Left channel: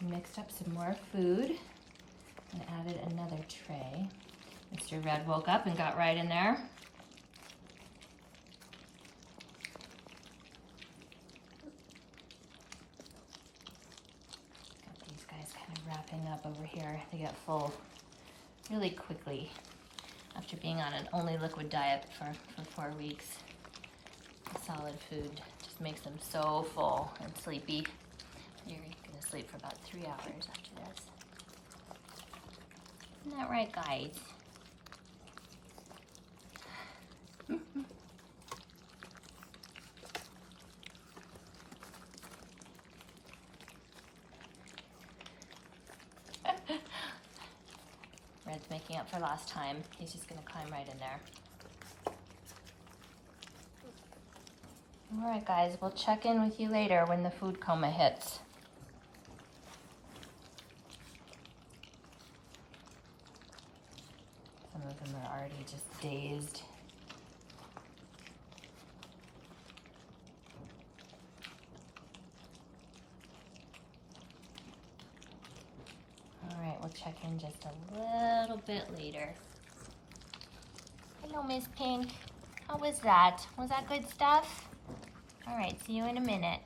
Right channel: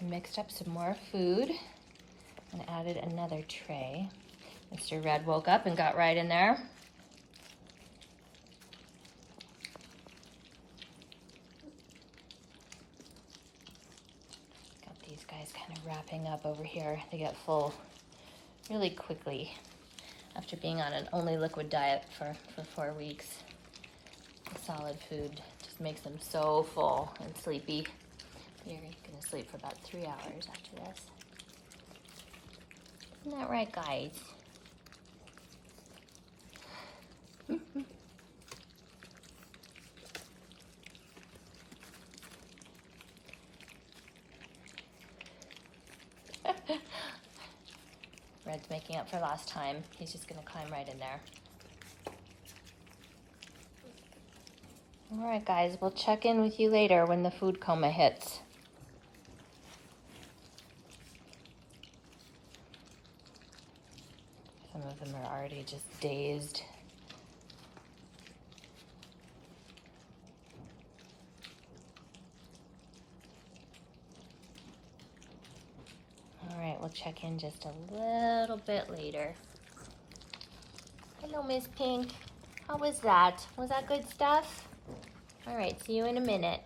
I mixed up some more food and added another tray. Mr. Red woke up and got right in there. Got these guys kind of wrapping up over here. They get full really quickly after being on an only liquid diet for 4 weeks. The solid food just makes them so full and sleepy. You're gonna sleep for about 3 hours after this. Isn't that right, guys? Red's making up for lost time. He's just gonna climb right in there. All right, guys, we'll check in with you later when the food coma hits. Some of them are already just dazed. All right, we'll check in just a little bit later. Hello, Miss Pink. How was that? Was that good stuff? All right, see you in a minute.